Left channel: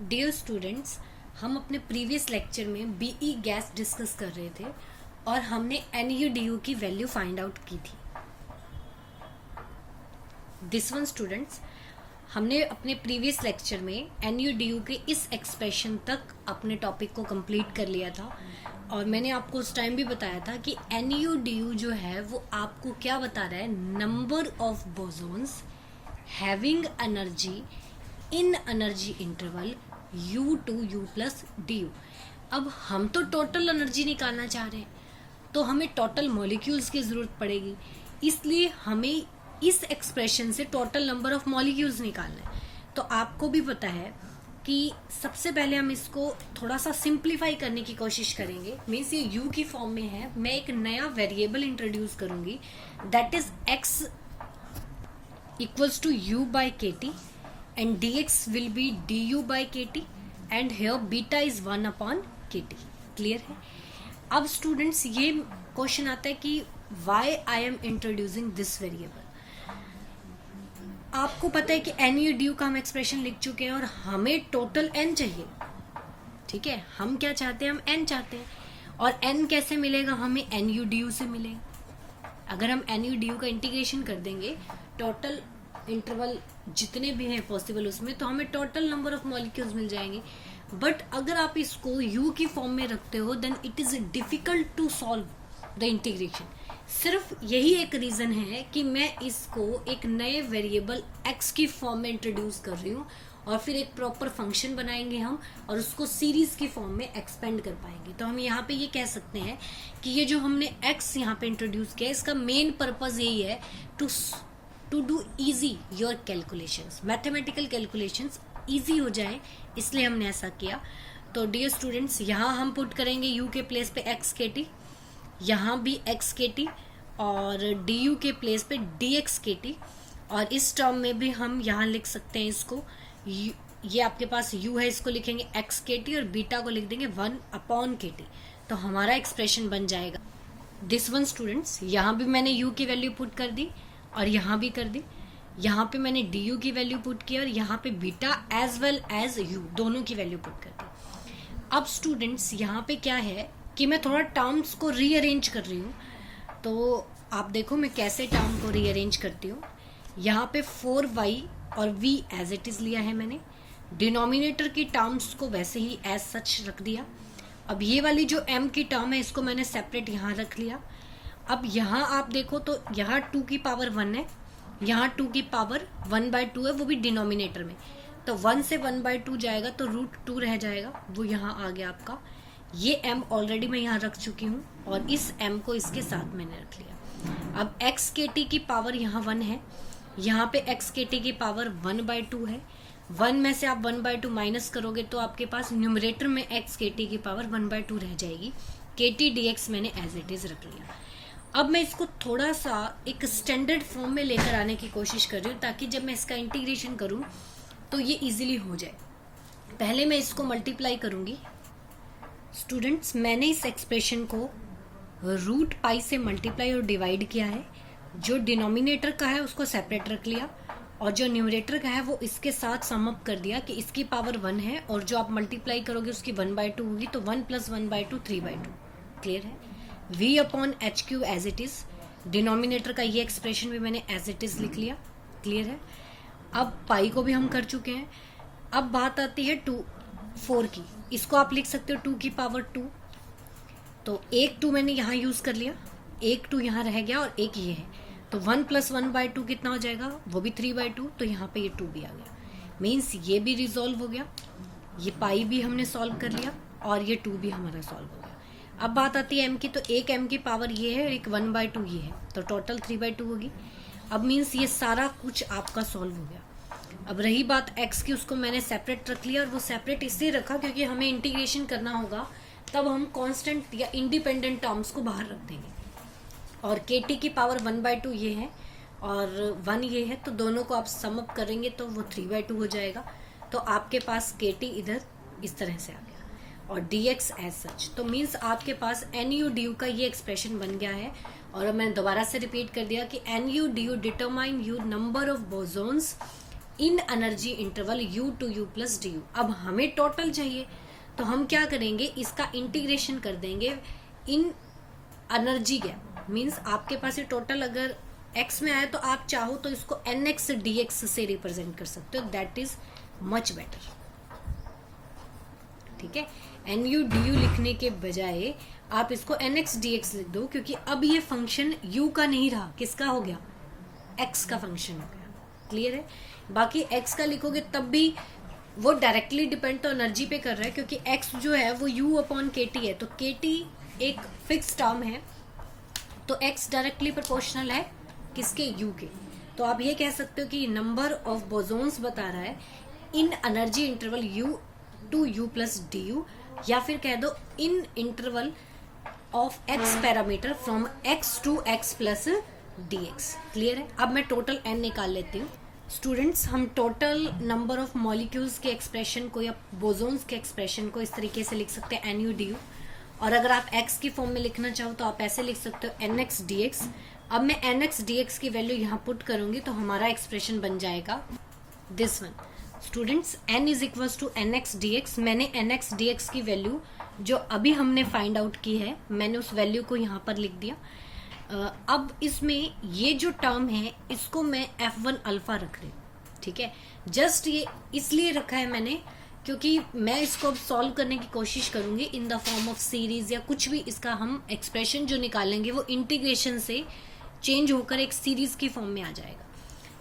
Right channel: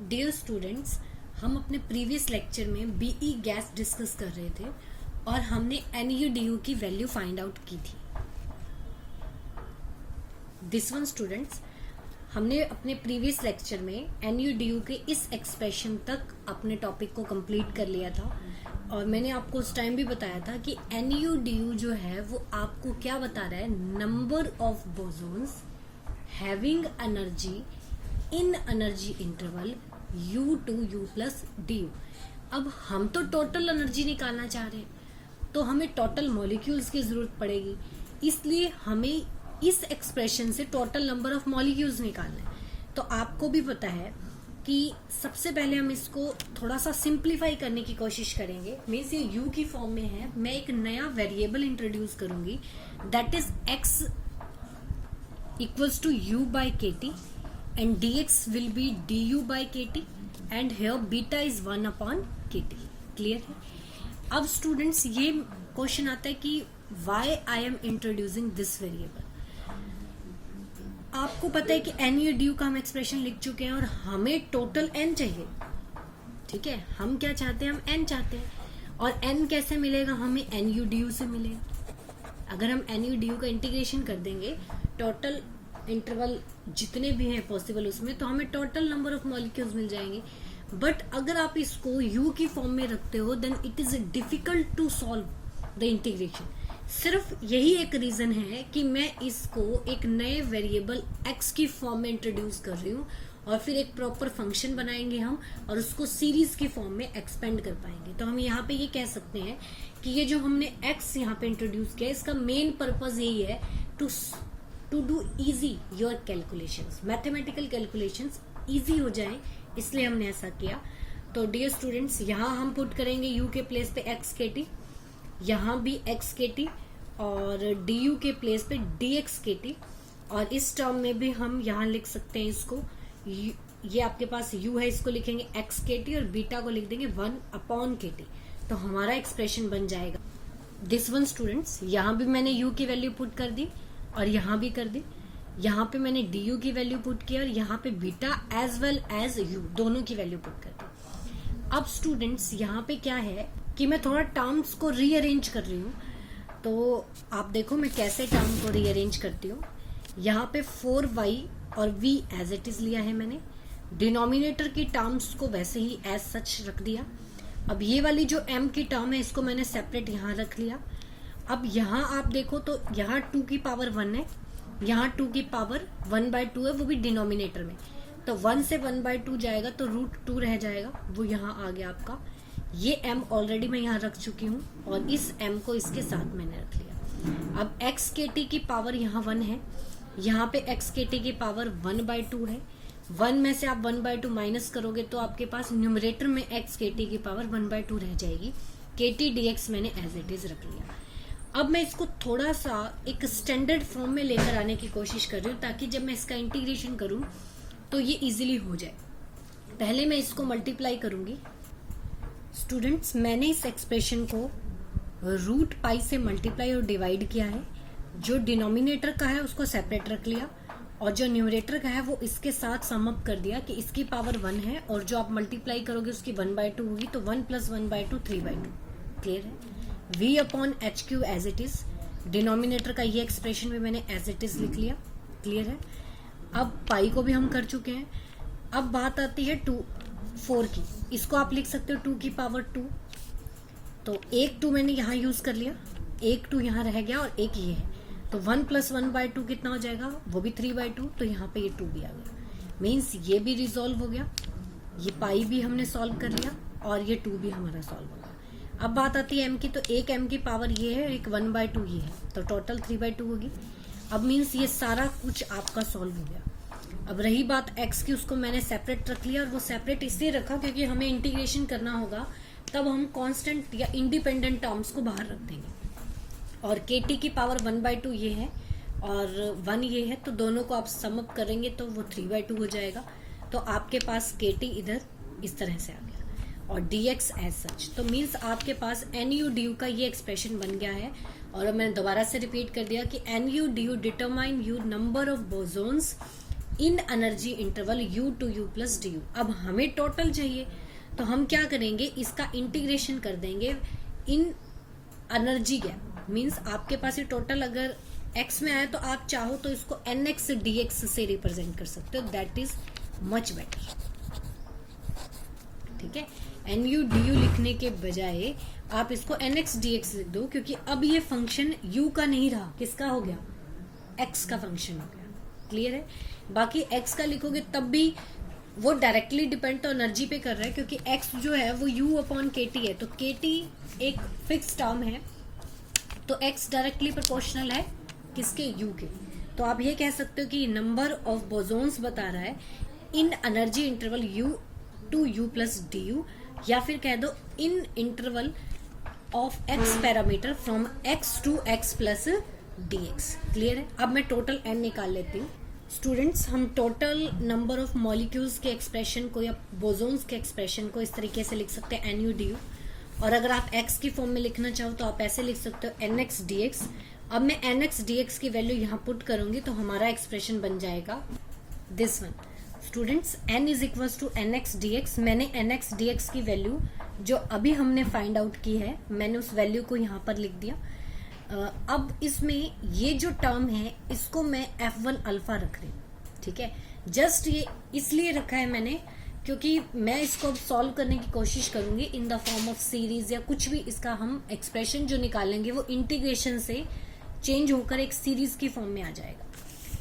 Dear students, हम अपने previous lecture में बीई गैस डिस्कस कर रहे थे और हमने NuDu की वैल्यू फाइंड आउट की थी। दिस वन स्टूडेंट्स, हमने अपने प्रीवियस लेक्चर में NuDu के इस एक्सप्रेशन तक अपने टॉपिक को कंप्लीट कर लिया था और मैंने आपको उस टाइम भी बताया था कि NuDu जो है वो आपको क्या बता रहा है, number of bosons having energy in energy interval U2U plus DU। अब हम तो टोटल एनर्जी निकालना चाह रहे हैं, तो हमें टोटल मॉलिक्यूल्स की जरूरत पड़ेगी, इसलिए हमें इस एक्सप्रेशन से टोटल नंबर ऑफ मॉलिक्यूल्स निकालना है। तो आपको भी पता है कि सबसे पहले हम इसको थोड़ा सा सिंप्लीफाई करने की कोशिश करेंगे। मीन्स ये U की फॉर्म में है, मैं एक नया वेरिएबल इंट्रोड्यूस करूंगी, that is x equals to U by KT and dx will be du by KT and here beta is 1 upon KT। Clear है? अब स्टूडेंट्स ये क्वेश्चन आता है कि why I am introducing this variable। आपको पता है कि NuDu का हम एक्सप्रेशन लिख चुके हैं और हमें टोटल n चाहिए। ठीक है, हम क्या चाहते हैं, हम n चाहते हैं। और n कैसे मिलेगा, हमें NuDu से मिलेगा। अगर हम NuDu का इंटीग्रेशन कर देंगे टोटल इंटरवल जितने भी हैं पॉसिबल उसमें, तो हमें टोटल नंबर ऑफ मॉलिक्यूल्स मिल जाएंगे। बट अगर आप इसको U की फॉर्म में रखते हो then it is difficult to solve the integration. सिर्फ यही एक रीजन है कि मैं इसको एक नए वेरिएबल x की फॉर्म में इंट्रोड्यूस कर रही हूँ और फिर एक प्रॉपर फंक्शन बनाएंगे हम और उसको सीरीज की फॉर्म में एक्सपेंड कर पाएंगे। तो हम यहाँ पे ये कह सकते हैं कि ये जो हमने x यहाँ पे इंट्रोड्यूस किया, इसका मेन पर्पज यही है to do easy your calculations, mathematical calculations easy हो जाए, इसलिए हमने ऐसा किया। तो डियर स्टूडेंट्स, यहाँ हम पुट करेंगे U के प्लेस पे XKT, यहाँ भी XKT और DU के प्लेस पे DXKT, और इस टर्म में भी हम यहाँ लिख सकते हैं इसको, ये आपके पास U है, इसको लिखेंगे XKT और बीटा को लिख देंगे 1 अपॉन KT। तो हमारा एक्सप्रेशन बन जाएगा दिस वन स्टूडेंट्स। यहाँ भी मैंने U की वैल्यू पुट कर दी और यहाँ भी कर दी, यहाँ पे मैंने DU की वैल्यू पुट की और यहाँ पे beta as well as U दोनों की वैल्यू पुट कर दी। अब स्टूडेंट्स यहाँ पे क्या है कि मैं थोड़ा टर्म्स को रीअरेंज कर रही हूँ, तो आप देखो मैं कैसे टर्म को रीअरेंज करती हूँ। यहाँ पे 4y और v एज इट इज लिया है मैंने, डिनोमिनेटर की टर्म्स को वैसे ही एज सच रख दिया। अब ये वाली जो m की टर्म है इसको मैंने सेपरेट यहाँ रख लिया। अब यहाँ आप देखो तो यहाँ 2 की पावर 1 है, यहाँ 2 की पावर 1/2 है, वो भी डिनोमिनेटर में, तो 1 से 1/2 जाएगा तो √2 रह जाएगा, वो यहाँ आ गया आपका। ये m ऑलरेडी मैं यहाँ रख चुकी हूँ और इस m को इसके साथ मैंने रख लिया। अब XKT की पावर यहाँ 1 है, यहाँ पे XKT की पावर 1/2 है, 1 में से आप 1/2 माइनस करोगे तो आपके पास न्यूमरेटर में XKT की पावर 1/2 रह जाएगी। KT dx मैंने एज इट इज रख लिया। अब मैं इसको थोड़ा सा एक स्टैंडर्ड फॉर्म में लेकर आने की कोशिश कर रही हूँ ताकि जब मैं इसका इंटीग्रेशन करूँ तो ये इजीली हो जाए। पहले मैं इसको मल्टीप्लाई करूंगी। स्टूडेंट्स, मैंने इस एक्सप्रेशन को √π से मल्टीप्लाई और डिवाइड किया है। जो डिनोमिनेटर का है उसको सेपरेट रख लिया और जो न्यूमरेटर का है वो इसके साथ सम अप कर दिया कि इसकी पावर 1 है और जो आप मल्टीप्लाई करोगे उसकी 1/2 होगी, तो 1 + 1/2 3/2। क्लियर है? v upon HQ as it is, denominator का ये एक्सप्रेशन भी मैंने एज इट इज लिख लिया। क्लियर है? अब पाई को भी हम कर चुके हैं। अब बात आती है 4 की, इसको आप लिख सकते हो 2 की पावर 2, तो एक 2 मैंने यहाँ यूज कर लिया, एक 2 यहाँ रह गया और एक ये है, तो 1 + 1/2 कितना हो जाएगा, वो भी 3/2, तो यहाँ पे ये 2 भी आ गया। मीन्स ये भी रिजॉल्व हो गया, ये पाई भी हमने सॉल्व कर लिया और ये 2 भी हमारा सॉल्व हो गया। अब बात आती है m की, तो एक m की पावर ये है और एक 1/2 ये है, तो टोटल 3/2 होगी। अब मीन्स ये सारा कुछ आपका सॉल्व हो गया। अब रही बात x की, उसको मैंने सेपरेट रख लिया और वो सेपरेट इसलिए रखा क्योंकि हमें इंटीग्रेशन करना होगा, तब हम कांस्टेंट या इंडिपेंडेंट टर्म्स को बाहर रख देंगे। और KT की पावर 1/2 ये है और 1 ये है, तो दोनों को आप सम अप करेंगे तो वो 3/2 हो जाएगा। तो आपके पास KT इधर इस तरह से आ गया और dx एज सच। तो मीन्स आपके पास NuDu का ये एक्सप्रेशन बन गया है। और मैंने दोबारा से रिपीट कर दिया कि NuDu determine u number of bosons in energy interval u to u plus D U. अब हमें टोटल चाहिए तो हम क्या करेंगे, इसका इंटीग्रेशन कर देंगे इन एनर्जी गैप। मीन्स आपके पास ये टोटल अगर x में आया तो आप चाहो तो इसको nx dx से रिप्रेजेंट कर सकते हो, दैट इज मच बेटर। ठीक है, nu du लिखने के बजाय आप इसको nx dx लिख दो, क्योंकि अब ये फंक्शन u का नहीं रहा, किसका हो गया, x का फंक्शन हो गया। क्लियर है। बाकी x का लिखोगे तब भी वो डायरेक्टली डिपेंड तो एनर्जी पे कर रहा है, क्योंकि x जो है वो u अपॉन kt है, तो kt एक फिक्स टर्म है, तो x डायरेक्टली प्रोपोर्शनल है किसके, u के। तो आप ये कह सकते हो कि नंबर ऑफ बोसोन्स बता रहा है in energy interval u to u plus D U, या फिर कह दो in interval of x parameter from x to x plus dx। Clear है। अब मैं टोटल n निकाल लेती हूँ। स्टूडेंट्स, हम टोटल नंबर ऑफ मॉलिक्यूल्स के एक्सप्रेशन को या बोसोन्स के एक्सप्रेशन को इस तरीके से लिख सकते हैं nu du, और अगर आप x की फॉर्म में लिखना चाहो तो आप ऐसे लिख सकते हो nx dx। अब मैं nx dx की वैल्यू यहाँ पुट करूंगी तो हमारा एक्सप्रेशन बन जाएगा this one. Students, n is equal to nx dx। मैंने nx dx की वैल्यू जो अभी हमने फाइंड आउट की है, मैंने उस वैल्यू को यहाँ पर लिख दिया। अब इसमें ये जो टर्म है इसको मैं f1 अल्फा रख रही हूँ। ठीक है, जस्ट ये इसलिए रखा है मैंने क्योंकि मैं इसको अब सॉल्व करने की कोशिश करूंगी in the form of series या कुछ भी। इसका हम एक्सप्रेशन जो निकालेंगे वो इंटीग्रेशन से चेंज होकर एक सीरीज की फॉर्म में आ जाएगा।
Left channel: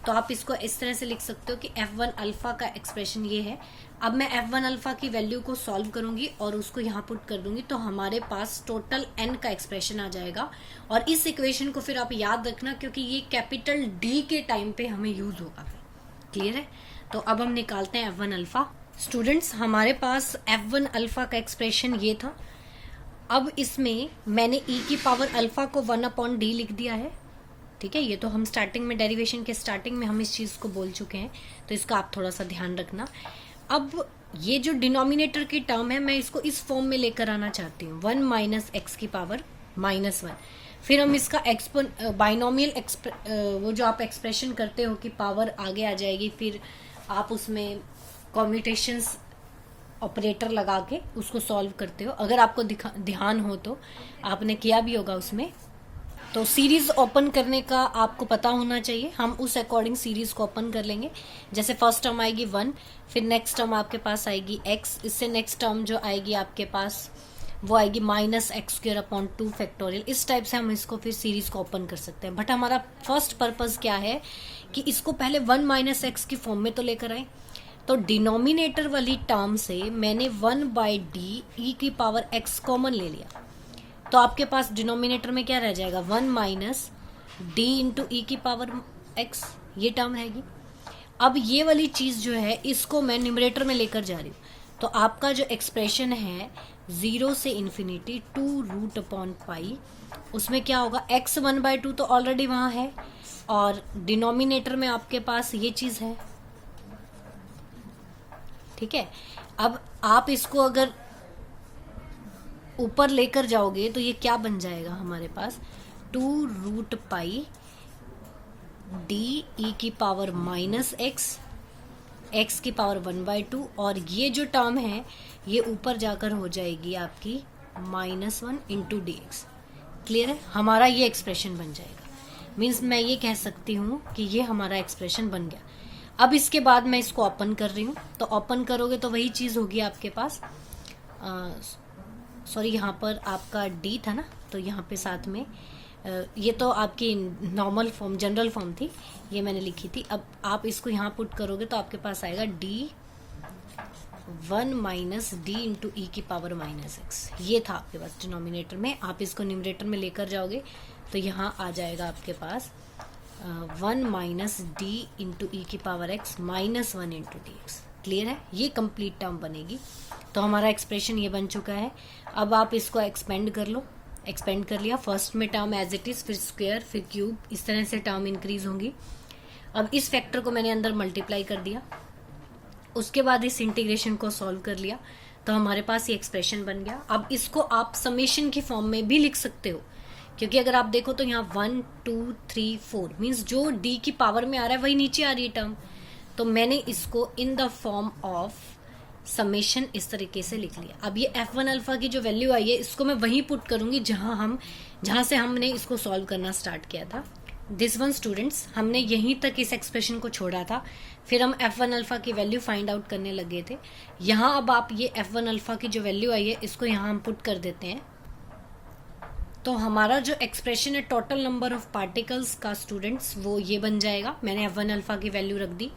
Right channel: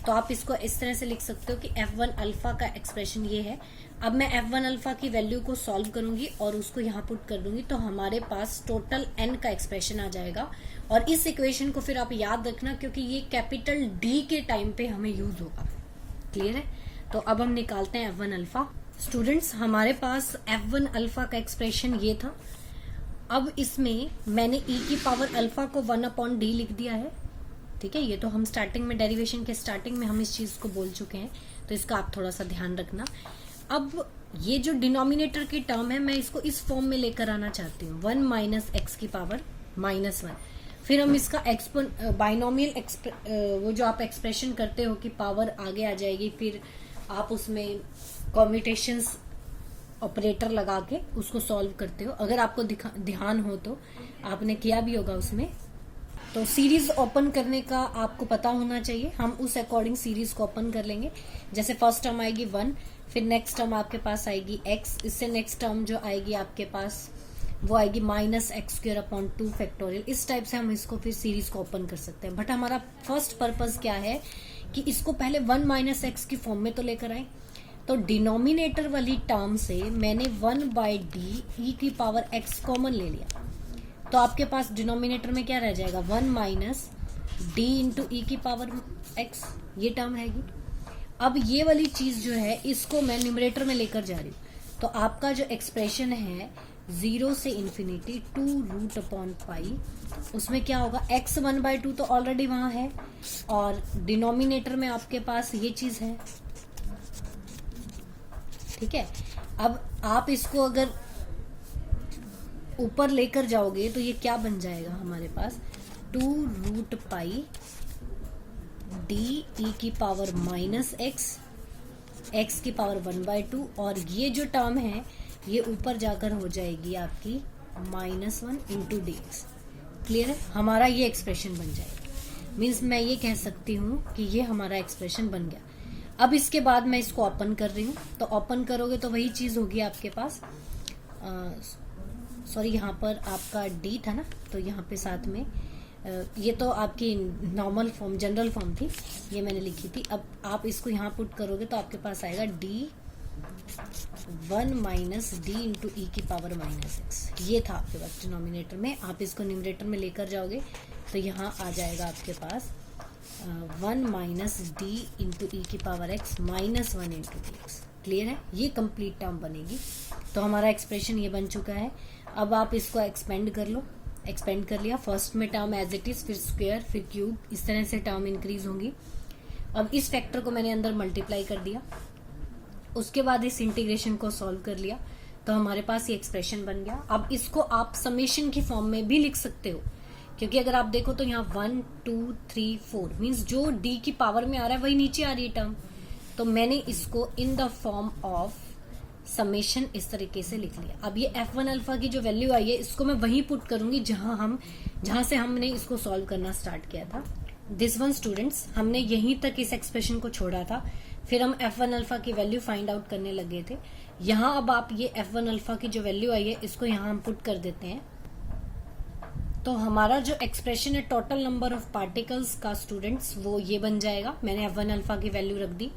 तो आप इसको इस तरह से लिख सकते हो कि f1 अल्फा का एक्सप्रेशन ये है। अब मैं f1 अल्फा की वैल्यू को सॉल्व करूंगी और उसको यहाँ पुट कर दूंगी, तो हमारे पास टोटल n का एक्सप्रेशन आ जाएगा। और इस इक्वेशन को फिर आप याद रखना, क्योंकि ये कैपिटल D के टाइम पे हमें यूज होगा। क्लियर है। तो अब हम निकालते हैं f1 अल्फा। स्टूडेंट्स, हमारे पास f1 अल्फा का एक्सप्रेशन ये था। अब इसमें मैंने e की पावर अल्फा को 1 अपॉन डी लिख दिया है। ठीक है, ये तो हम स्टार्टिंग में डेरिवेशन के स्टार्टिंग में हम इस चीज को बोल चुके हैं, तो इसका आप थोड़ा सा ध्यान रखना। अब ये जो डिनोमिनेटर की टर्म है मैं इसको इस फॉर्म में लेकर आना चाहती हूँ, 1 माइनस एक्स की पावर -1। फिर हम इसका बाइनोमियल वो जो आप एक्सप्रेशन करते हो कि पावर आगे आ जाएगी, फिर आप उसमें कॉम्यूटेशंस ऑपरेटर लगा के उसको सॉल्व करते हो। अगर आपको ध्यान हो तो आपने किया भी होगा उसमें। तो सीरीज ओपन करने का आपको पता होना चाहिए, हम उस अकॉर्डिंग सीरीज को ओपन कर लेंगे। जैसे फर्स्ट टर्म आएगी 1, फिर नेक्स्ट टर्म आपके पास आएगी x, इससे नेक्स्ट टर्म जो आएगी आपके पास वो आएगी -x² अपॉन 2 फैक्टोरियल। इस टाइप से हम इसको फिर सीरीज को ओपन कर सकते हैं। बट हमारा फर्स्ट पर्पज क्या है कि इसको पहले 1 - x की फॉर्म में तो लेकर आए। तो डिनोमिनेटर वाली टर्म से मैंने 1/d e की पावर x कॉमन ले लिया, तो आपके पास डिनोमिनेटर में क्या रह जाएगा, 1 - d इंटू ई की पावर x, ये टर्म रहेगी। अब ये वाली चीज जो है इसको मैं न्यूमरेटर में लेकर जा रही हूँ, तो आपका जो एक्सप्रेशन है 0 से इन्फिनिटी 2√π, उसमें क्या होगा, x 1/2 तो ऑलरेडी वहां है और डिनोमिनेटर में आपके पास ये चीज है। ठीक है, अब आप इसको अगर ऊपर लेकर जाओगे तो ये क्या बन जाएगा हमारे पास, 2√π d e की पावर -x, x की पावर 1/2, और ये जो टर्म है ये ऊपर जाकर हो जाएगी आपकी -1 इंटू dx। क्लियर है, हमारा ये एक्सप्रेशन बन जाएगा। मीन्स मैं ये कह सकती हूँ कि ये हमारा एक्सप्रेशन बन गया। अब इसके बाद मैं इसको ओपन कर रही हूँ, तो ओपन करोगे तो वही चीज होगी आपके पास। सॉरी, यहाँ पर आपका d था ना, तो यहाँ पे साथ में ये तो आपकी नॉर्मल फॉर्म, जनरल फॉर्म थी, ये मैंने लिखी थी। अब आप इसको यहाँ पुट करोगे तो आपके पास आएगा d1 - d इंटू ई की पावर -x। ये था आपके पास डिनोमिनेटर में। आप इसको न्यूमरेटर में लेकर जाओगे तो यहाँ आ जाएगा आपके पास 1 - d इंटू ई की power x -1 into dx। Clear है, ये कंप्लीट टर्म बनेगी। तो हमारा एक्सप्रेशन ये बन चुका है। अब आप इसको एक्सपेंड कर लो। एक्सपेंड कर लिया, फर्स्ट में टर्म एज इट इज, फिर स्क्वायर, फिर क्यूब, इस तरह से टर्म इंक्रीज होंगी। अब इस फैक्टर को मैंने अंदर मल्टीप्लाई कर दिया, उसके बाद इस इंटीग्रेशन को सॉल्व कर लिया, तो हमारे पास ये एक्सप्रेशन बन गया। अब इसको आप समेशन की फॉर्म में भी लिख सकते हो, क्योंकि अगर आप देखो तो यहाँ 1 2 3 4 मीन्स जो d की पावर में आ रहा है वही नीचे आ रही है टर्म, तो मैंने इसको in the form of summation इस तरीके से लिख लिया। अब ये F1 अल्फा की जो वैल्यू आई है इसको मैं वहीं पुट करूंगी जहां से हमने इसको सॉल्व करना स्टार्ट किया था। दिस वन स्टूडेंट्स, हमने यहीं तक इस एक्सप्रेशन को छोड़ा था, फिर हम F1 अल्फा की वैल्यू फाइंड आउट करने लगे थे। यहाँ अब आप ये F1 अल्फा की जो वैल्यू आई है इसको यहाँ हम पुट कर देते हैं। तो हमारा जो एक्सप्रेशन है टोटल नंबर ऑफ पार्टिकल्स का स्टूडेंट्स वो ये बन जाएगा। मैंने F1 अल्फा की वैल्यू रख दी।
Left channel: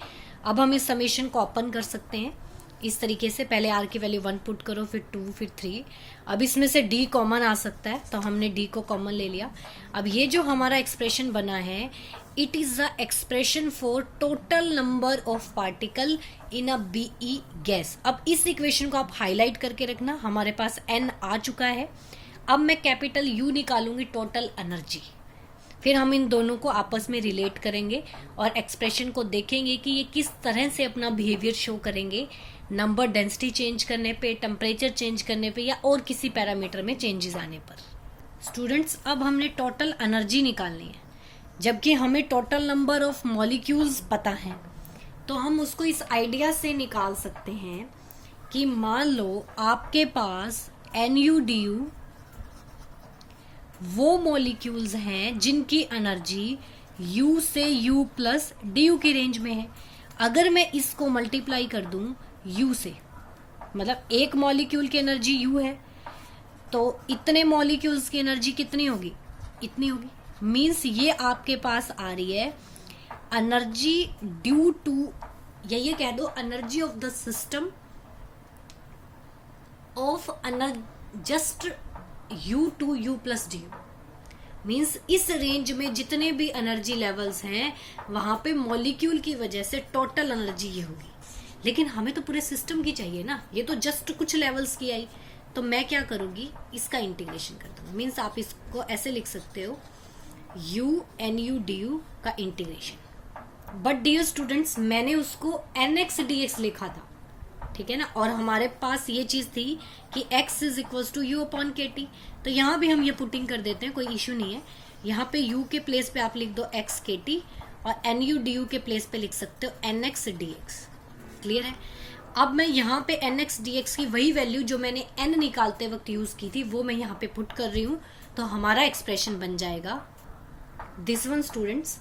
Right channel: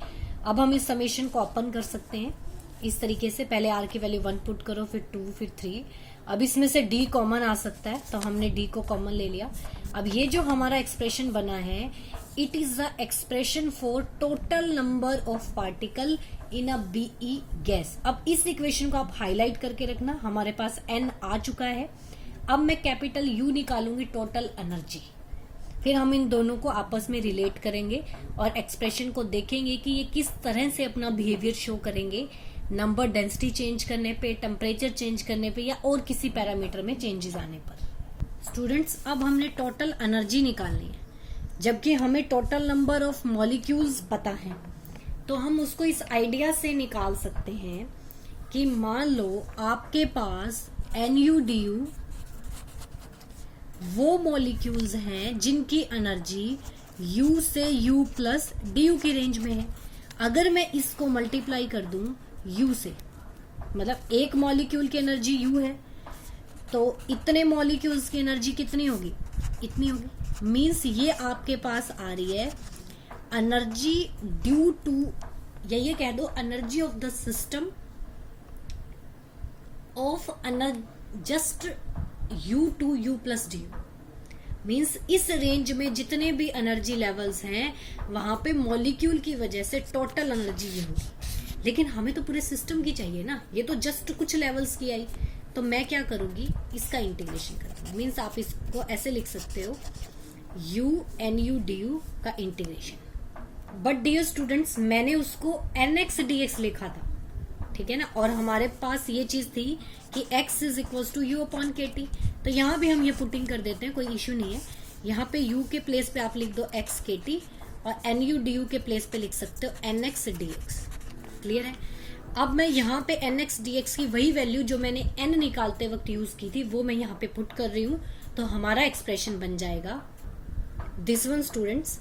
अब हम इस समेशन को ओपन कर सकते हैं इस तरीके से, पहले R की वैल्यू 1 पुट करो, फिर 2, फिर 3। अब इसमें से D कॉमन आ सकता है तो हमने D को कॉमन ले लिया। अब ये जो हमारा एक्सप्रेशन बना है, it is the expression for total number of particle in a BE gas. अब इस इक्वेशन को आप हाईलाइट करके रखना, हमारे पास N आ चुका है। अब मैं कैपिटल U निकालूंगी टोटल एनर्जी, फिर हम इन दोनों को आपस में रिलेट करेंगे और एक्सप्रेशन को देखेंगे कि ये किस तरह से अपना बिहेवियर शो करेंगे नंबर डेंसिटी चेंज करने पे, टेम्परेचर चेंज करने पे या और किसी पैरामीटर में चेंजेस आने पर। स्टूडेंट्स, अब हमने टोटल एनर्जी निकालनी है, जबकि हमें टोटल नंबर ऑफ मॉलिक्यूल्स पता है। तो हम उसको इस आइडिया से निकाल सकते हैं कि मान लो आपके पास NuDu वो मॉलिक्यूल्स हैं जिनकी एनर्जी U से U प्लस DU की रेंज में है। अगर मैं इसको मल्टीप्लाई कर दूं U से, मतलब एक मॉलिक्यूल की एनर्जी U है तो इतने मॉलिक्यूल्स की एनर्जी कितनी होगी, इतनी होगी। मींस ये आपके पास आ रही है एनर्जी ड्यू टू, या ये कह दो energy of the system of just U to U plus DU। Means इस रेंज में जितने भी एनर्जी लेवल्स हैं वहां पे मॉलिक्यूल की वजह से टोटल एनर्जी ये होगी। लेकिन हमें तो पूरे सिस्टम की चाहिए ना, ये तो जस्ट कुछ लेवल्स की आई। तो मैं क्या करूंगी, इसका इंटीग्रेशन कर दूंगी। मीन्स आप इसको ऐसे लिख सकते हो NuDu का इंटीग्रेशन। बट डियर स्टूडेंट्स, मैंने उसको NX dx लिखा था, ठीक है ना, और हमारे पास ये चीज थी कि x is equal to U upon KT। तो यहाँ भी हम ये पुटिंग कर देते हैं, कोई इश्यू नहीं है। यहाँ पे U के प्लेस पे आप लिख दो x KT और NuDu के प्लेस पे लिख सकते हो NX dx। क्लियर है। अब मैं यहाँ पे NX dx की वही वैल्यू जो मैंने N निकालते वक्त यूज की थी वो मैं यहाँ पे पुट कर रही हूँ। तो हमारा एक्सप्रेशन बन जाएगा दिस वन स्टूडेंट्स।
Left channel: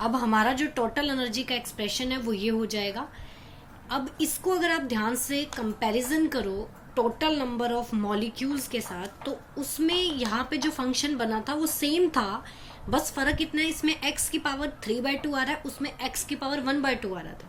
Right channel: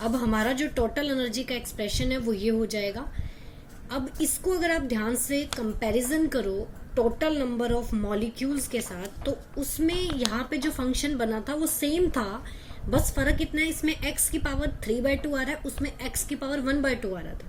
अब हमारा जो टोटल एनर्जी का एक्सप्रेशन है वो ये हो जाएगा। अब इसको अगर आप ध्यान से कंपैरिजन करो टोटल नंबर ऑफ मॉलिक्यूल्स के साथ, तो उसमें यहाँ पे जो फंक्शन बना था वो सेम था, बस फर्क इतना है इसमें x की पावर 3/2 आ रहा है, उसमें x की पावर 1/2 आ रहा था।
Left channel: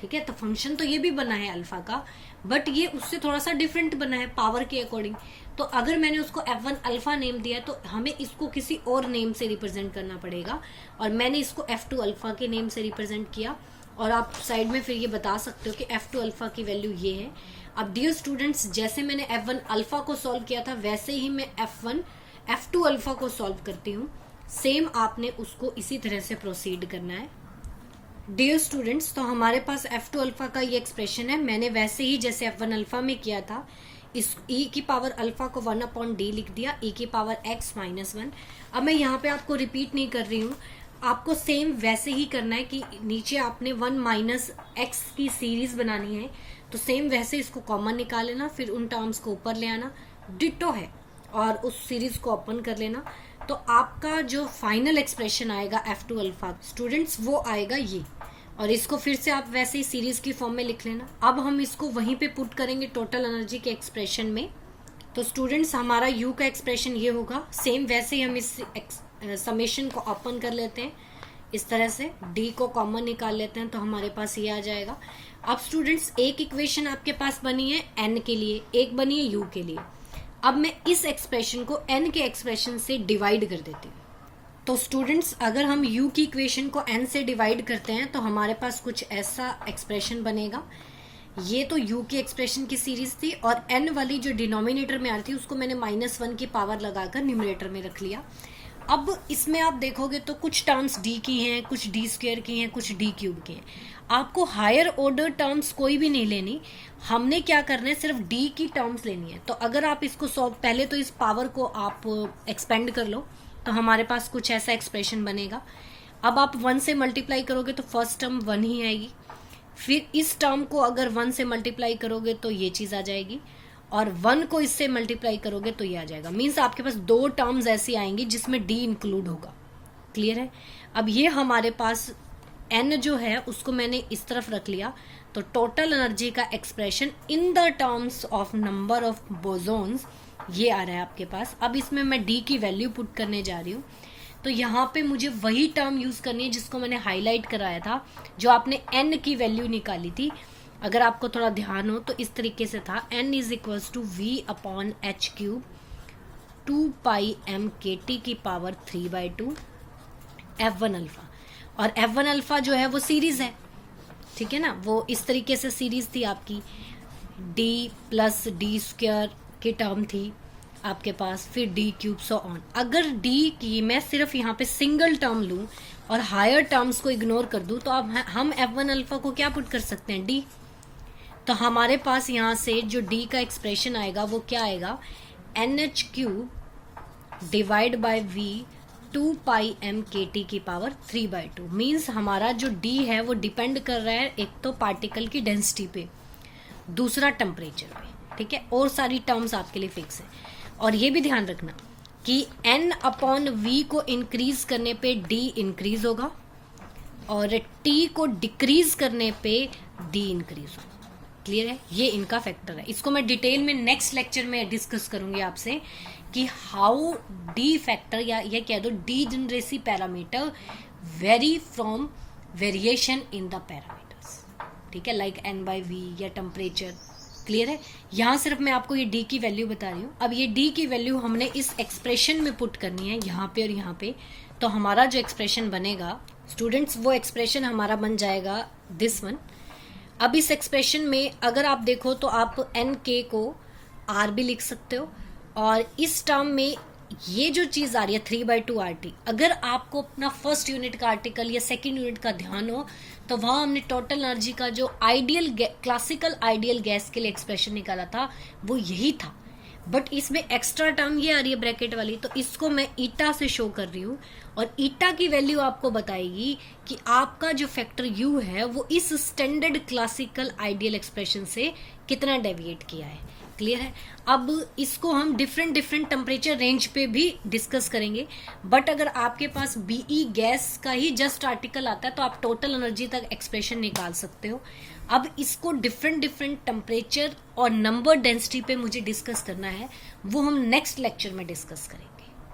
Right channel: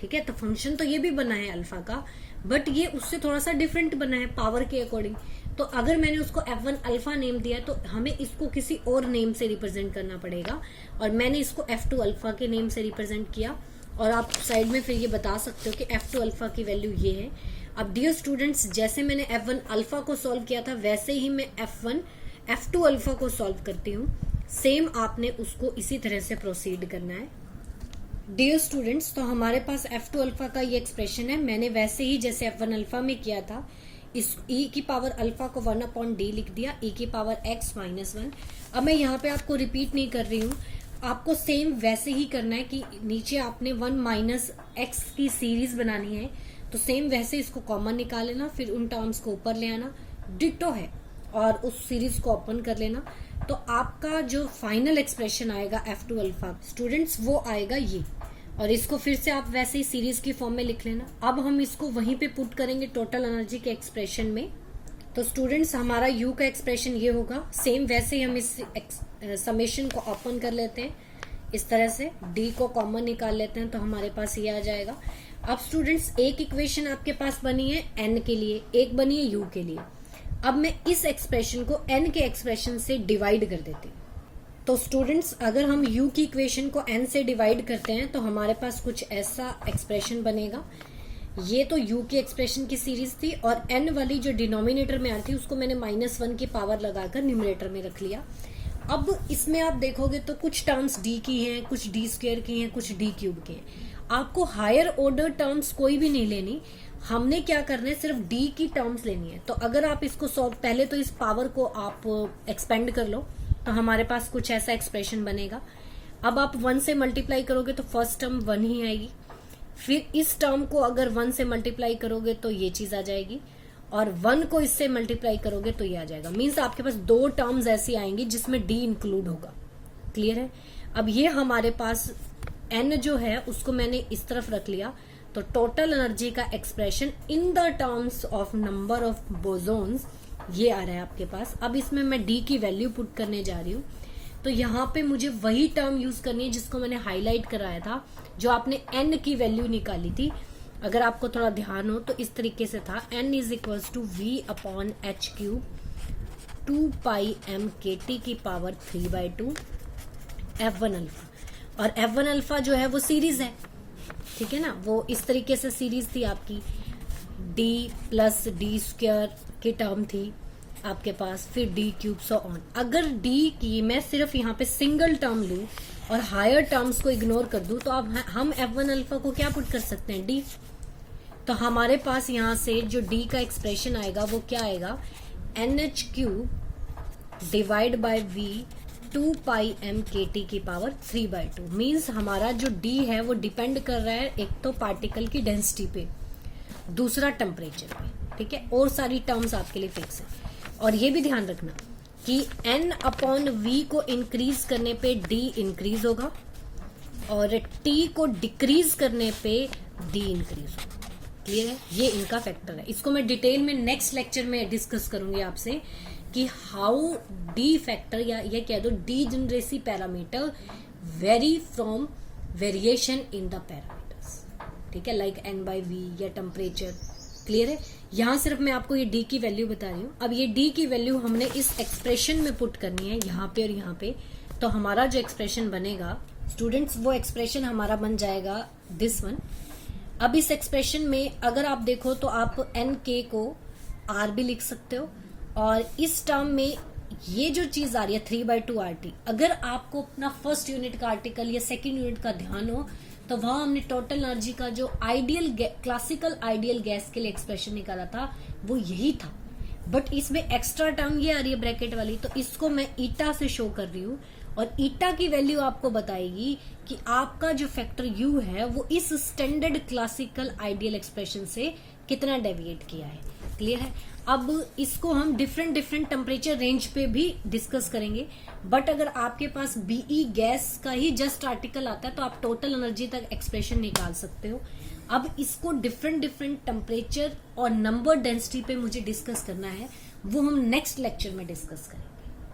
ठीक है, तो फंक्शन तो ये भी बना है अल्फा का, बट ये उससे थोड़ा सा डिफरेंट बना है पावर के अकॉर्डिंग। तो अगर मैंने उसको F1 अल्फा नेम दिया तो हमें इसको किसी और नेम से रिप्रेजेंट करना पड़ेगा, और मैंने इसको F2 अल्फा के नेम से रिप्रेजेंट किया। और आप साइड में फिर ये बता सकते हो कि F2 अल्फा की वैल्यू ये है। अब डियर स्टूडेंट्स, जैसे मैंने F1 अल्फा को सॉल्व किया था वैसे ही मैं F2 अल्फा को सॉल्व करती हूँ। सेम आपने उसको इसी तरह से प्रोसीड करना है डियर स्टूडेंट्स। तो हमारे पास F2 अल्फा का ये एक्सप्रेशन है। मैंने वैसे ही जैसे F1 अल्फा में किया था, इस e की पावर अल्फा को 1/d लिख दिया, e की पावर x -1। अब मैं यहाँ पे आपको रिपीट नहीं कर रही हूँ, आपको सेम वैसे ही करना है कि नीचे आपने 1 - x की सीरीज बनानी है, तो सेम वैसे इसको कॉमन निकाल लेना, फिर उन टर्म्स को ऊपर ले आना, डिटो है, और उस सीरीज को ओपन कर लेना। तो आपका जो फाइनल एक्सप्रेशन आएगा F2 अल्फा स्टूडेंट्स वो आएगा ये, और इसको फिर से आप वैसे ही सीरीज की फॉर्म में लिख लेना। अब हम इसको वहीं पे पुट करेंगे टोटल एनर्जी के एक्सप्रेशन में। तो स्टूडेंट्स, हमारा U का एक्सप्रेशन ये होगा। सेम वैसे ही हम इस समेशन को ओपन कर लेते हैं इस तरह से, D को कॉमन निकाल लेते हैं, तो हमारे पास ये आ जाएगा। अब स्टूडेंट्स, एक इक्वेशन आपके पास बनी है N के लिए, एक बनी है U के लिए। अब मैं इस एक्सप्रेशन को N के एक्सप्रेशन से डिवाइड कर देती हूँ। तो स्टूडेंट्स, अगर हम U की इक्वेशन को N से डिवाइड करते हैं तो हमारे पास कुछ ऐसा एक्सप्रेशन बनेगा। ये तो U की एक्सप्रेशन की सीरीज थी, और N वाली जो डिनोमिनेटर में आ रही थी उसको मैंने -1 की पावर लगाकर न्यूमरेटर में रख लिया। अब इसमें आप देखोगे तो कुछ टर्म्स D की हैं, कुछ D² की हैं, कुछ D³ की हैं। आपको हायर ऑर्डर टर्म्स कोई भी नहीं लेनी, हमने क्या करना है, सिर्फ D की टर्म्स लेनी है। तो अगर आप इसको सॉल्व, पहले तो इस पावर को आप एक्सपेंड कर लो, तो हमारे पास कुछ ऐसा एक्सप्रेशन बनेगा। अब आप 1 से मल्टीप्लाई करोगे तो फर्स्ट टर्म 1 ही आएगी, फिर इस टर्म को अगर 1 से मल्टीप्लाई करोगे तो ये चीज आ जाएगी, और 1 को इससे मल्टीप्लाई करोगे तो ये आ जाएगा। मीन्स आपके पास 2 टर्म्स ऐसी आएंगी जिसमें डी इंक्लूड होगा। क्लियर है? अब ये हमारे पास एन जो है उसको मैंने इस तरफ रख लिया, तो टोटल एनर्जी का expression in the terms of number of bosons ये आ रहा है आपके पास। अब इसमें मैं डी की वैल्यू पुट करने जा रही हूँ, तो यहाँ पे मुझे वही टर्म यूज करनी है जिसको मैंने हाईलाइट कराया था, जो आपने एन की वैल्यू निकाली थी। अगर आपको थोड़ा ध्यान हो तो इस तरीके से था, n is equals to v upon H cube 2πm kt की पावर 3/2 F1 अल्फा। और F1 अल्फा जो है वो सीरीज है, ठीक है ना, वो इस तरीके से सीरीज थी आपकी, d प्लस डी स्क्वायर की टर्म थी आपके पास, फिर डी क्यूब सो ऑन। अगर d की मैं सिर्फ यहाँ पे सिंगल टर्म लूं और हायर टर्म्स को इग्नोर कर दूं, तो अब हम F1 अल्फा को क्या पुट कर सकते हैं, d। तो हमारे पास यहाँ से जो d का एक्सप्रेशन आएगा वो क्या आएगा, NH cube divide by v 2πm kt की पावर 3/2। मीन्स हमारा जो d है वो डिपेंड कर रहा है एक तो पार्टिकल की डेंसिटी पे, दूसरा टेम्परेचर पे, ठीक है, और सारी टर्म्स आपके लिए फिक्स है। और ये भी ध्यान रखना कि n अपॉन v को इंक्रीज करने पे d इंक्रीज होगा और t को डिक्रीज करने पे d इंक्रीज होगा। क्लियर है? ये इनका फैक्टर है। इसको मैं डिटेल में नेक्स्ट लेक्चर में डिस्कस करूंगी आपसे कि हाउ डी फैक्टर या ये कह दो degeneracy parameter very from variation in the parameters, ठीक है, लाइक n/v या टेम्परेचर। क्लियर है? यहां सिर्फ मैं आपको ये d की वैल्यू बता रही हूं। अब ये d की वैल्यू हमने इस एक्सप्रेशन में पुट करनी है, यहाँ पे और यहाँ पे। तो हमारा जो एक्सप्रेशन बनेगा स्टूडेंट्स, वो एक्सप्रेशन हमारा बन जाएगा दिस वन। अब इस एक्सप्रेशन में अगर आप देखो तो आप एन के को आर भी लिख सकते हो, और इस टर्म में ये जो चीज आ रही है 3/2 RT, अगर आपको अपना फर्स्ट यूनिट का आर्टिकल या सेकंड यूनिट का ध्यान हो तो वहां हमने टोटल एनर्जी का जो आइडियल क्लासिकल आइडियल गैस के लिए एक्सप्रेशन निकाला था वो यही था। बट इसमें एक्स्ट्रा टर्म ये आ रही है ब्रैकेट वाली, तो इसको मैं ईटा से शो कर रही हूँ, और ईटा की वैल्यू आपको बताएगी कि आपका जो फैक्टर यू है वो इस स्टैंडर्ड क्लासिकल आइडियल एक्सप्रेशन से कितना डेविएट किया है। क्लियर है? अब इसको हम डिफरेंट टेम्परेचर रेंज पे भी डिस्कस करेंगे, बट अगर आपके पास बीई गैस का ही जस्ट आर्टिकल आता है तो आप टोटल एनर्जी तक एक्सप्रेशन निकाल सकते हो। अब इसको डिफरेंट टेम्परेचर और नंबर डेंसिटी पे मुझे डिस्कस करना है, वो हम नेक्स्ट लेक्चर में डिस्कस करेंगे।